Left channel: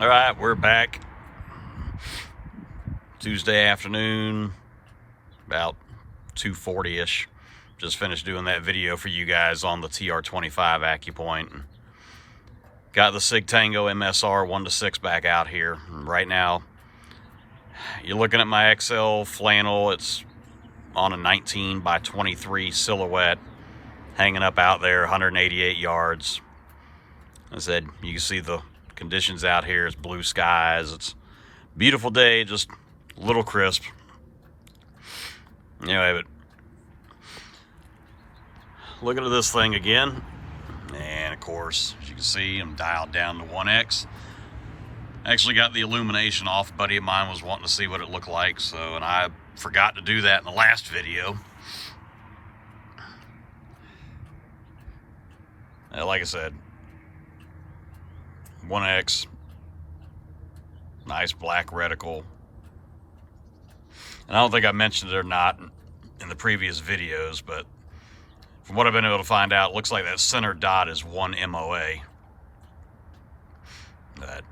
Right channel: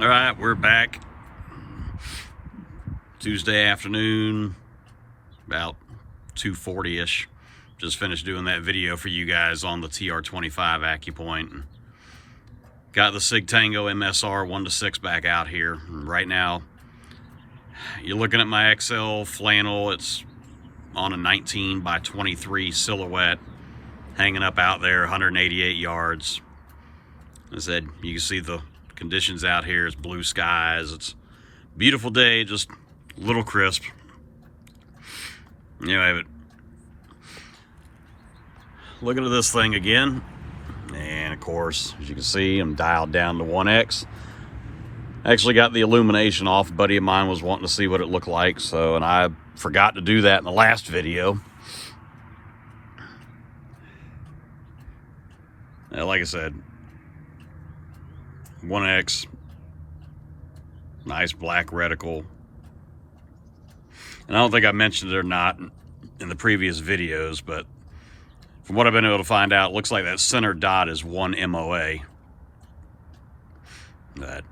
All right, we're back. Tuesday afternoon, about 2:40-ish. Just finished doing that video for you guys on the TR25 Accupoint. Got the Sig Tango MSR 1-6 back out here. And right now, you're looking at my XL flannel. It's on a 19 by 23 silhouette, hanging up out there, 188 yards. As I said, you can see the conditions out here. It's blue skies. It's a beautiful day, just a little crisp. Anyway, but looking at this thing again, and of course, as you can see, I'm dialed down to 1x. Actually got the illumination off. A buddy of mine was wanting to see what it looked like, and I forgot to do that in the last video. Like I said, 1x, nice black reticle. And I don't think I mentioned it or not in the previous videos, but from what I've been able to find out, it looks like that center dot is 1 MOA. But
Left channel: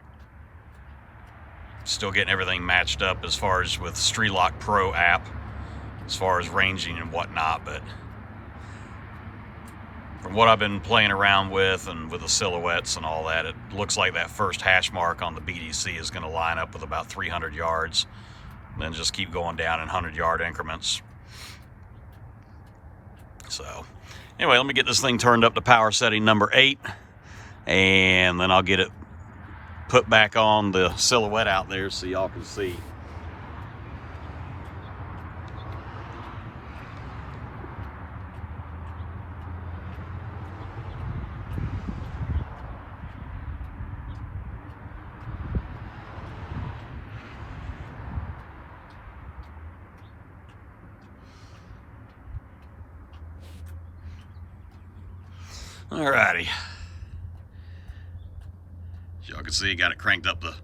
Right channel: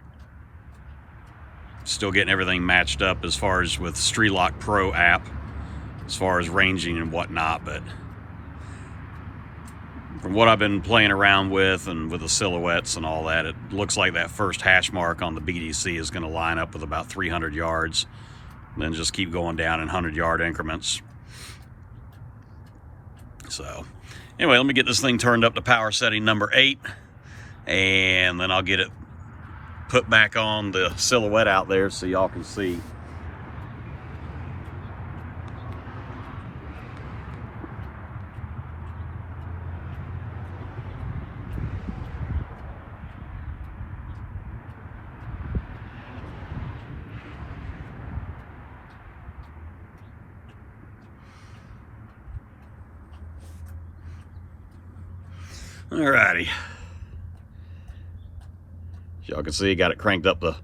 still getting everything matched up as far as with Streetlock Pro app, as far as ranging and whatnot. But from what I've been playing around with and with the silhouettes and all that, it looks like that first hash mark on the BDC is going to line up with about 300 yards, and then just keep going down in 100-yard increments. So anyway, let me get this thing turned up to power setting number 8, and then I'll get it put back on the silhouette out there so y'all can see. Alrighty. As y'all can see, got it cranked up to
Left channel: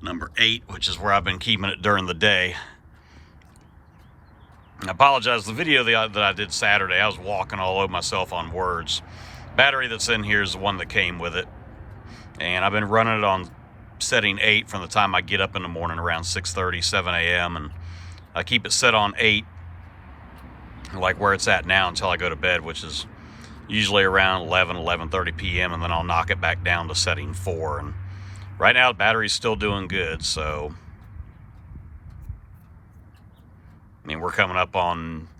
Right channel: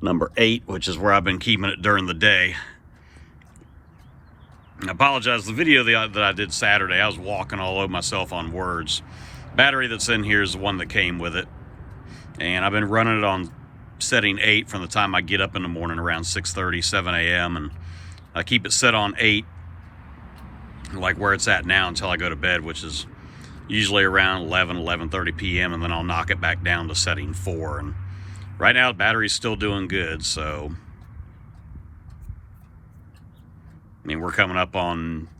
number 8, which is where I've been keeping it during the day. I apologize, the video that I did Saturday, I was walking all over myself on words. Battery that's in here is the one that came with it. And I've been running it on setting 8 from the time I get up in the morning around 6:30, 7 a.m. And I keep it set on 8, like where it's at now, until I go to bed, which is usually around 11:30 p.m. and then I'll knock it back down to setting 4. And right now the battery's still doing good, so I mean, we're coming up on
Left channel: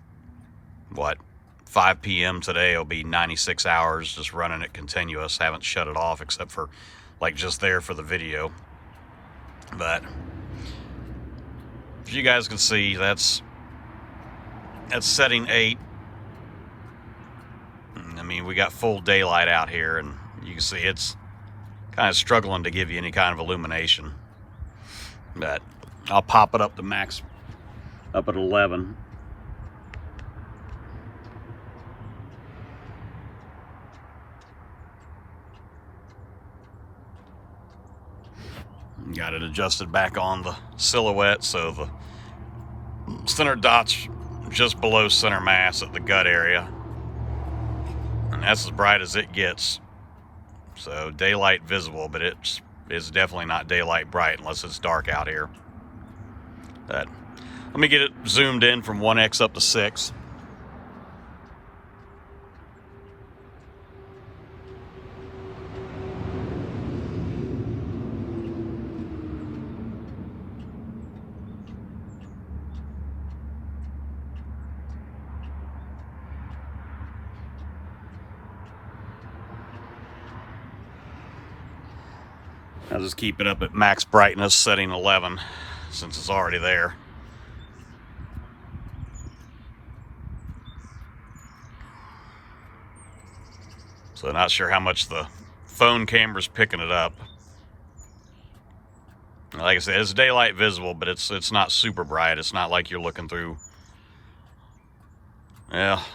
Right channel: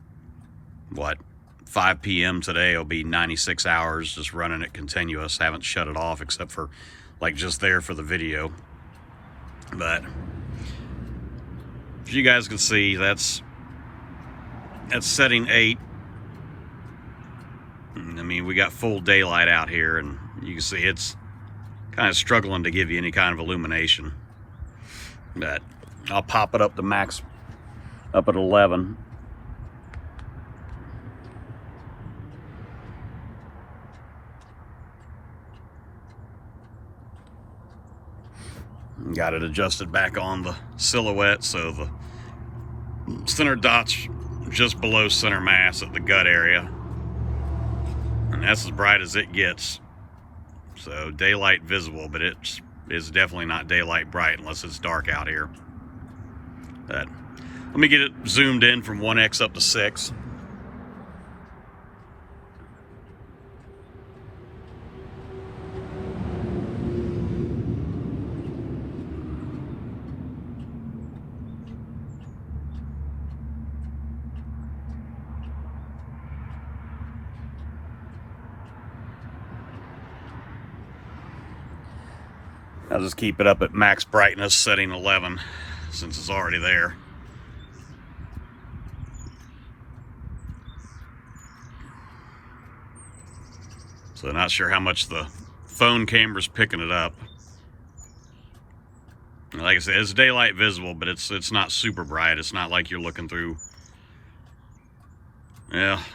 what, 5 p.m. today. It'll be 96 hours just running it continuous. Haven't shut it off except for like just there for the video. But if you guys can see, that's setting 8. I mean, we got full daylight out here, and you can see it's kind of struggling to give you any kind of illumination. But I'll pop it up to max, up at 11. Got it adjusted back on the silhouette, so the center dot's just below center mass at the gut area. And that's as bright as it gets. So daylight visible, but it's definitely not daylight bright unless it's dark out here. But let me get it zoomed in from 1x up to 6. I'll just keep it up at max brightness, setting 11, since it's already there. So not sure how much the phone camera's picking it up. Like I said, it's daylight visible, but it's not super bright. It's not like you're looking through,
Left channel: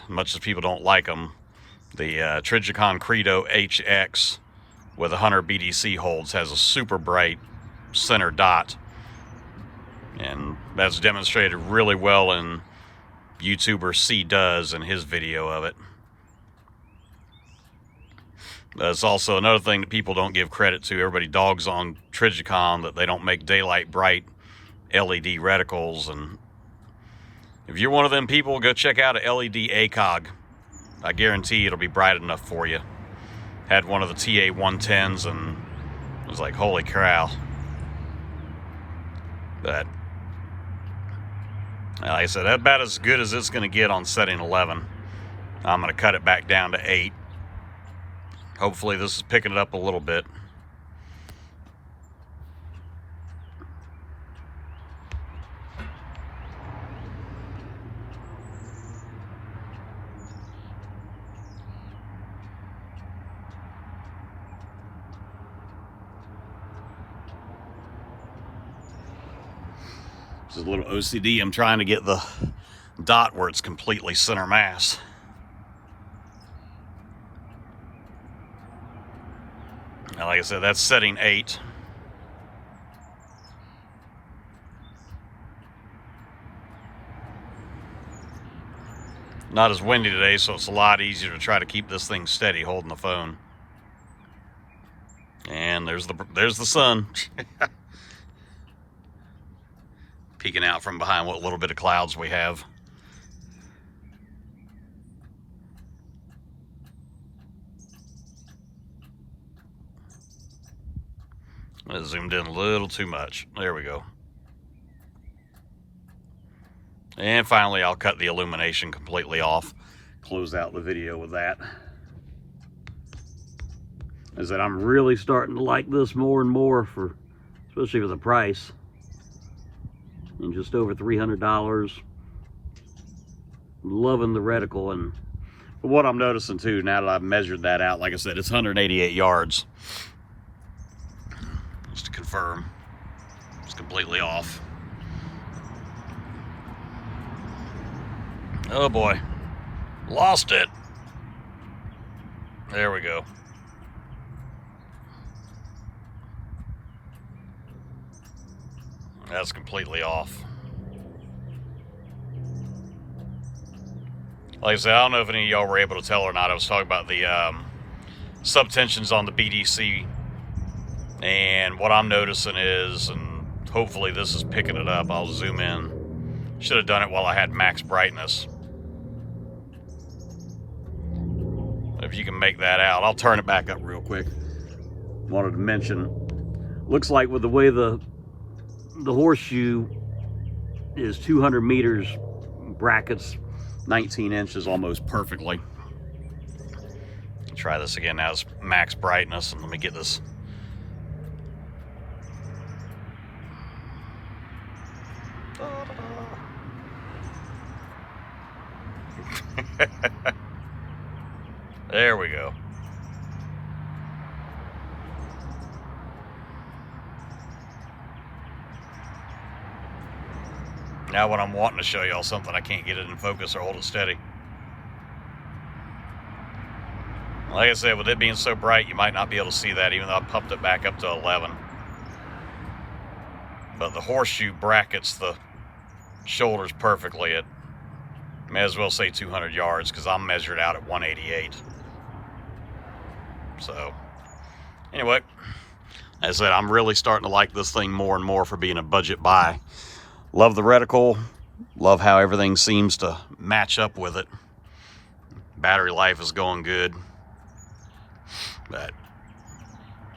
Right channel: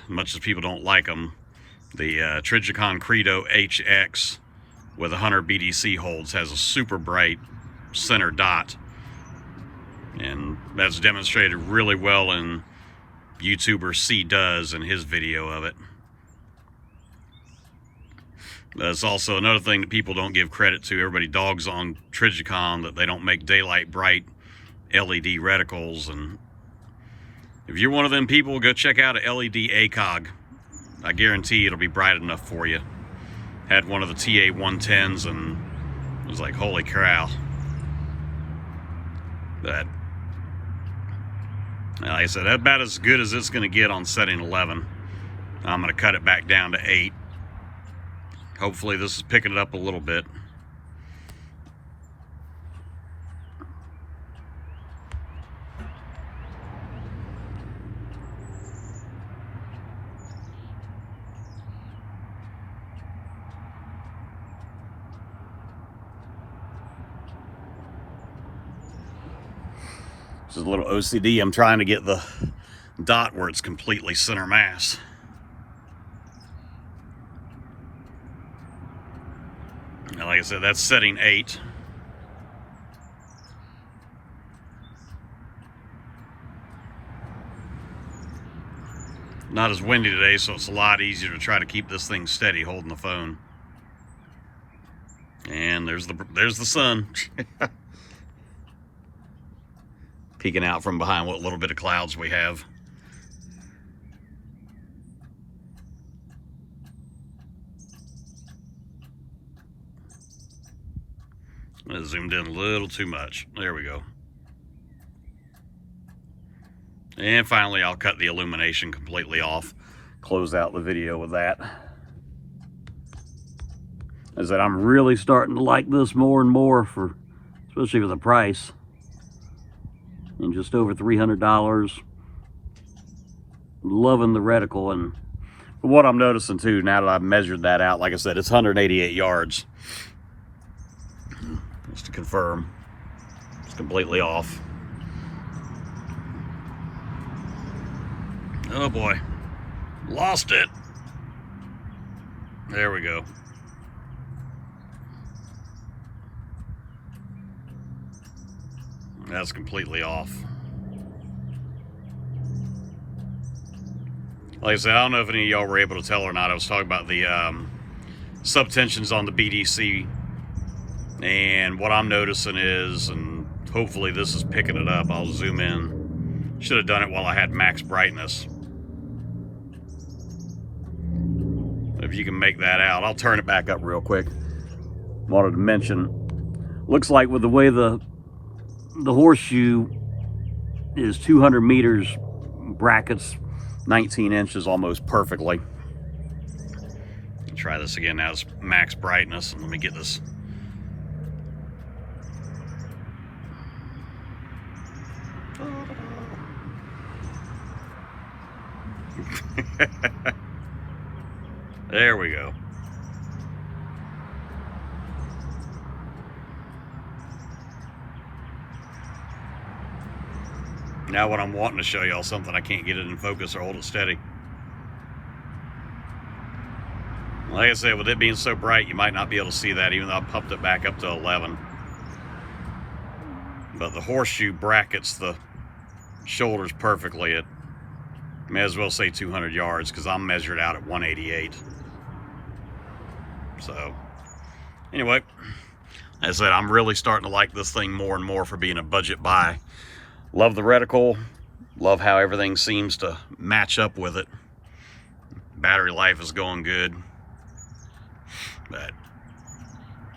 much as people don't like them, the Trijicon Credo HX with 100 BDC holds has a super bright center dot, and that's demonstrated really well in YouTuber C Does in his video of it. That's also another thing that people don't give credit to. Everybody dogs on Trijicon that they don't make daylight bright LED reticles. And if you're one of them people, go check out a LED ACOG. I guarantee it'll be bright enough for you. Had one of the TA 110s and it was like, holy cow. But like I said, that's about as good as it's going to get on setting 11. I'm going to cut it back down to 8. Hopefully this is picking it up a little bit. This is a little OCD. I'm trying to get the dot where it's completely center mass. Now, like I said, that's setting 8. Not as windy today, so it's a lot easier to try to keep this thing steady holding the phone. And there's the sun. Peeking out from behind what little bit of clouds we have. I zoomed in a little too much. There we go. And finally, I'll cut the illumination completely off. Close out the video with that. As I said, I'm really starting to like this more and more, especially for the price. And just over $300. Loving the reticle. And what I'm noticing too, now that I've measured that out, like I said, it's 188 yards. Just to confirm, it's completely off. Oh boy, lost it. There we go. That's completely off. Like I said, I don't know if any of y'all were able to tell or not. I was talking about the subtensions on the BDC. And what I'm noticing is, and hopefully this is picking it up, I'll zoom in. Should have done it while I had max brightness. If you can make that out, I'll turn it back up real quick. Wanted to mention, looks like with the way the horseshoe is 200 meters, brackets 19 inches almost perfectly. Try this again. Now it's max brightness, and let me get this. There we go. Now when I'm wanting to show y'all something, I can't get it in focus or hold it steady. Like I said, with it being so bright, you might not be able to see that, even though I pumped it back up to 11. But the horseshoe brackets the shoulders perfectly at, may as well say 200 yards, because I'm measured out at 188. So, anyway, as I said, I'm really starting to like this thing more and more for being a budget buy. Love the reticle. Love how everything seems to match up with it. Battery life is going good. But,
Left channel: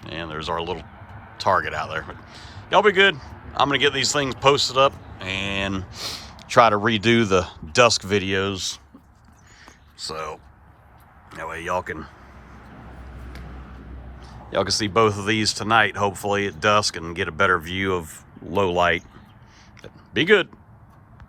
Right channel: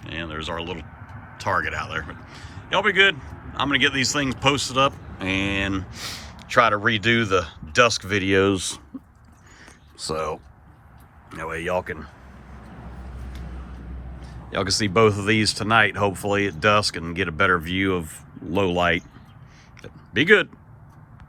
and there's our little target out there. But y'all be good. I'm going to get these things posted up and try to redo the dusk videos. So, that way y'all can see both of these tonight, hopefully at dusk, and get a better view of low light. Be good.